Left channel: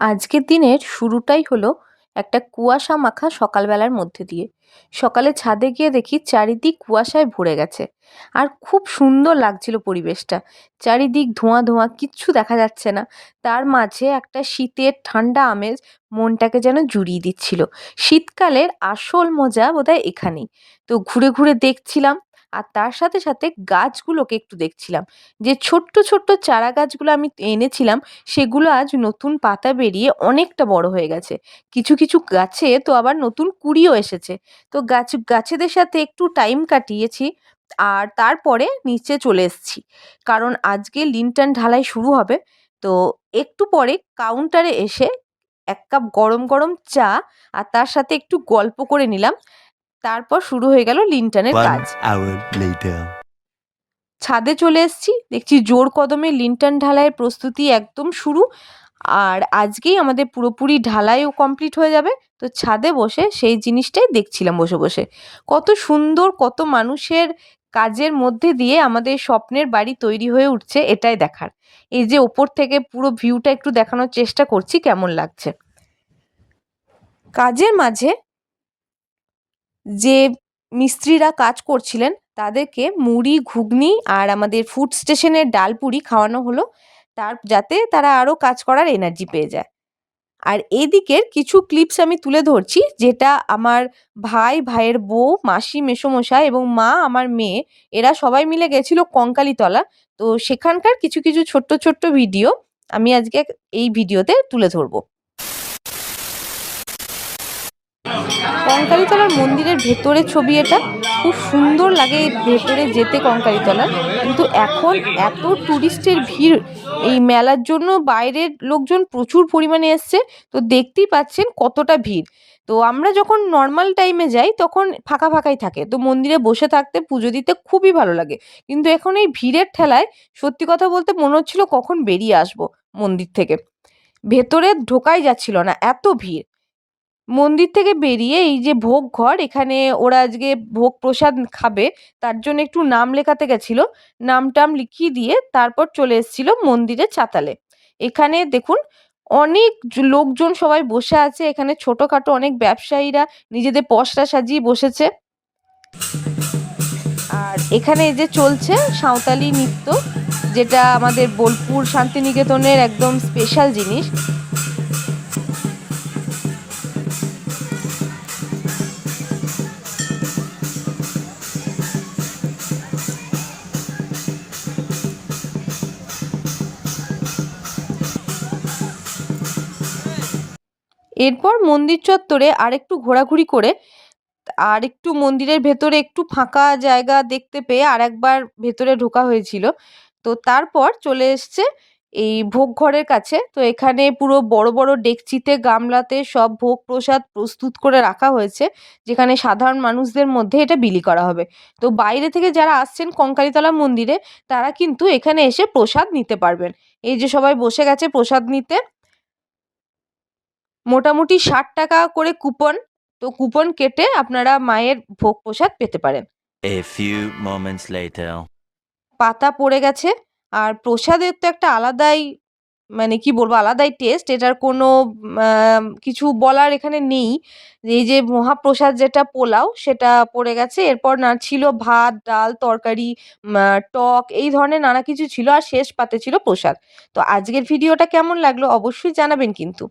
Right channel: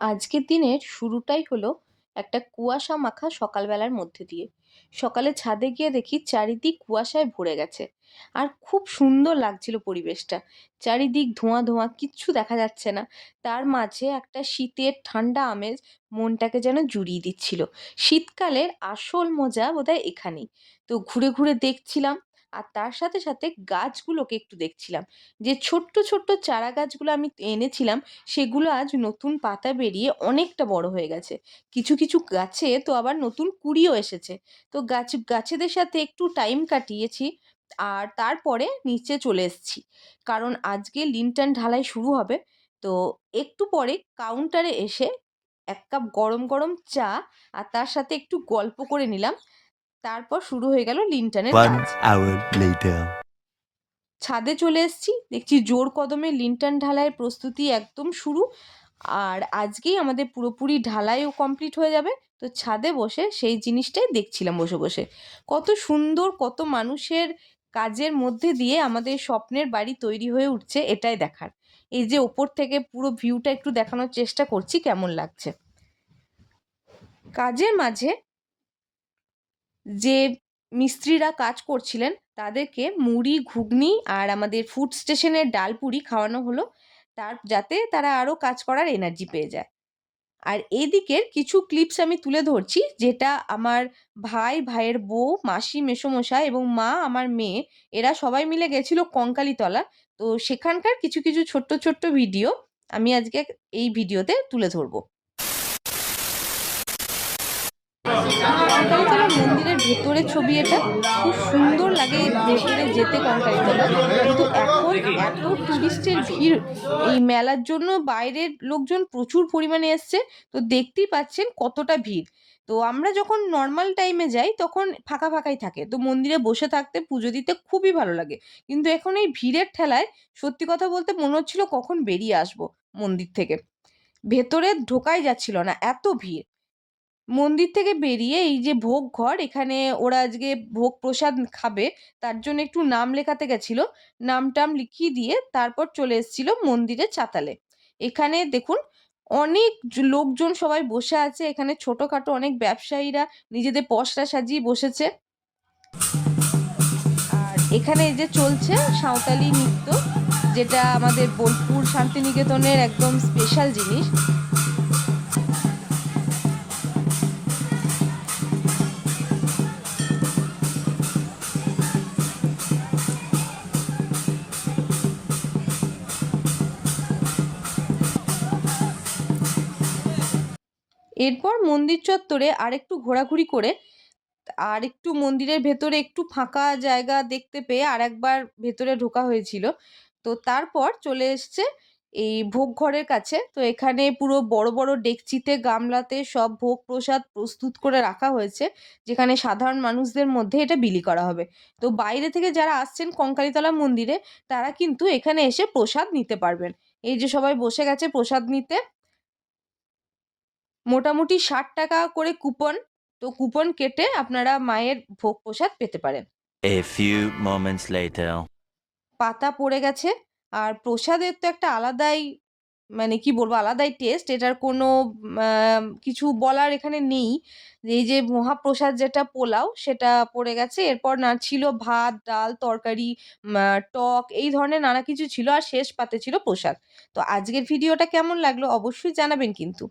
আজকের দিনের শুরুটাই হলো একটা কুয়াশা মাখা সকালবেলার মধ্যে দিয়ে। সকালে ছাদে গিয়ে দেখি চারিদিক কুয়াশায় ভরে গেছে। আর খুব সুন্দর লাগছিল পরিবেশটা। চারিদিক ধোঁয়া ধোঁয়া, কিচ্ছু দেখা যাচ্ছে না। তার মাঝে একটা শীতের ঠান্ডা আমেজ মনটাকে যেন জুড়িয়ে দিচ্ছিল। শীতকালের আসল মজা বোধহয় এখানেই। তো ঘুরে ঘুরে দেখছিলাম, আর তার সাথে সাথে গাছগুলোকে একটু দেখছিলাম। যে ছোট্ট ছোট্ট চারা গাছগুলো আমি এনেছিলাম, সেগুলো আজ নতুন পাতা বেরিয়ে অনেকটা বড় হয়ে গেছে। কিছু কিছু গাছে তো আবার নতুন কুঁড়িও এসেছে। তো গাছেদের সাথে একটু টাইম কাটিয়েছি। আর তারপরে নিচে চলে এসেছি, কারণ আজকে লিন্টার্ন ঢালাই শুরু হবে। তো একটু পরে কাউন্টারে এসে এক কাপ গরম গরম চা আর তার সাথে একটু গল্প করে নিলাম। তারপর শুরু হয়ে গেল লিন্টার্নের One কাজ। hour later. ছাদে চলে এসেছি, দেখছি জোর কদমে লিন্টার্ন ঢালাইয়ের প্রস্তুতি একদম শুরু। আর আজকেই আমাদের পুরোপুরি ঢালাইও কমপ্লিট হয়ে যাবে। তো ছাদে বসে সেই জিনিসটাই দেখছিলাম বসে বসে। কত সুন্দর, কত মানুষের কাজের মধ্যে দিয়ে আমাদের স্বপ্নের বাড়ি তৈরি হয়ে উঠছে, এটাই দেখার। এই যে ওপর থেকে পুরো ভিউটা একটু দেখানোর চেষ্টা করছি কেমন লাগছে। কাজের মাঝে যে মিস্ত্রিরা কাজ করছিলেন তাদেরকে মুড়ি, ঘুগনি আর আমাদের ফুড স্টেশনের ডালপুরি খাওয়ানো হলো, যাতে তারা আরও কাজ করার এনার্জি পেয়ে যায়। আর এদিকের কিছু ক্লিপস আমি তুলে ধরছি, যেটা আমার ভাই, ভাইয়ের বউ, মাসি, মেসোমশাই এবং মা, আমার মেয়ে, এরা সবাই মিলে গেছিল কঙ্কালীতলা। তো সেখানকার কিছু কিছু ছোট্ট ছোট্ট ভিডিও আমি আজকে এই ভিডিওতে তুলে ধরবো। কঙ্কালীতলার মন্দিরের ভেতরের ছবি এটা। খুব সুন্দর লাগে ভেতরে যেতে কঙ্কালীতলার। কিন্তু এখন এত টুরিস্টের ভিড়, এই মেলার জন্য বাইরের লোকজন প্রচুর পরিমাণে এসছে। তো দেখতেই পাচ্ছেন কতটা ভিড়। তো আমরা যখন নর্মাল টাইমে যাই তখন ফাঁকা ফাঁকাই থাকে, তো মন্দিরে বসে থাকতে, পুজো দিতে খুবই ভালো লাগে। কিন্তু এখন এই ভিড়ের ঠেলায় সত্যি কথা বলতে মনে হচ্ছিল কখন বেরিয়ে আসবো মন্দির থেকে। ভেতরে ঢোকাই যাচ্ছিল না, এত ভিড়। মন্দির থেকে বেরিয়ে এই যে ভোগ ঘর, এখানে ওরা আজকে ভোগ প্রসাদ খাবে, তার জন্য একটু নাম লেখাতে গেছিল। নাম টাম লিখিয়ে দিয়ে তারপর চলে এসেছিল মন্দিরের চাতালে। এখানে দেখুন অনেক লোকজন সবাই বসে আছে। এখানে ছোটখাটো অনেক ব্যবসায়ীরা নিজেদের পসরা সাজিয়ে বসেছে। আর এখানে এই যে চলছে সাঁওতালি নৃত্য, যেটা আমাদের বোলপুর শান্তিনিকেতনের একদম স্পেশাল জিনিস। এরপর মন্দির চত্বরে আরেকটু ঘোরাঘুরি করে, আর একটু মন্দিরের ভেতরে একটু ফাঁকা জায়গা দেখতে পেয়ে আরেকবার ভেতরে ঢোকা হয়েছিল। তো তারপর চলে এসছে এই ভোগ ঘরের কাছে। তো এখানে পুরো বড় বড় ডেকচিতে, গামলাতে সব ভোগ প্রসাদ প্রস্তুত করে রাখা হয়েছে, যেখানে সাধারণ মানুষদের মধ্যে এটা বিলি করা হবে। তো বাইরে থেকে যারা আসছেন কঙ্কালীতলা মন্দিরে, তারা কিন্তু এখানে এসে প্রসাদ নিতে পারবেন। এই যে সবাই বসে গেছে প্রসাদ নিতে। মোটামুটি ৬০ টাকা করে কুপন। তো কুপন কেটে আপনারা মায়ের ভোগ প্রসাদ পেতে পারেন। A few moments later. পাতা পড়ে গেছে। আর প্রসাদের তো একটা আলাদাই, মানে কি বলবো, আলাদাই টেস্ট। এটার কোনো কিছু বলার এখানে নেই। এই যে মহাপ্রসাদ যেটা পোলাও, সেটা পড়ে গেছে। এরপর না ছিল ভাত, ডাল, তরকারি, টক, এই ধরনের নানা কিছু ছিল। আর শেষ পাতে ছিল প্রসাদ। তো আজকের ভিডিওটা কেমন লাগলো অবশ্যই জানাবেন কিন্তু।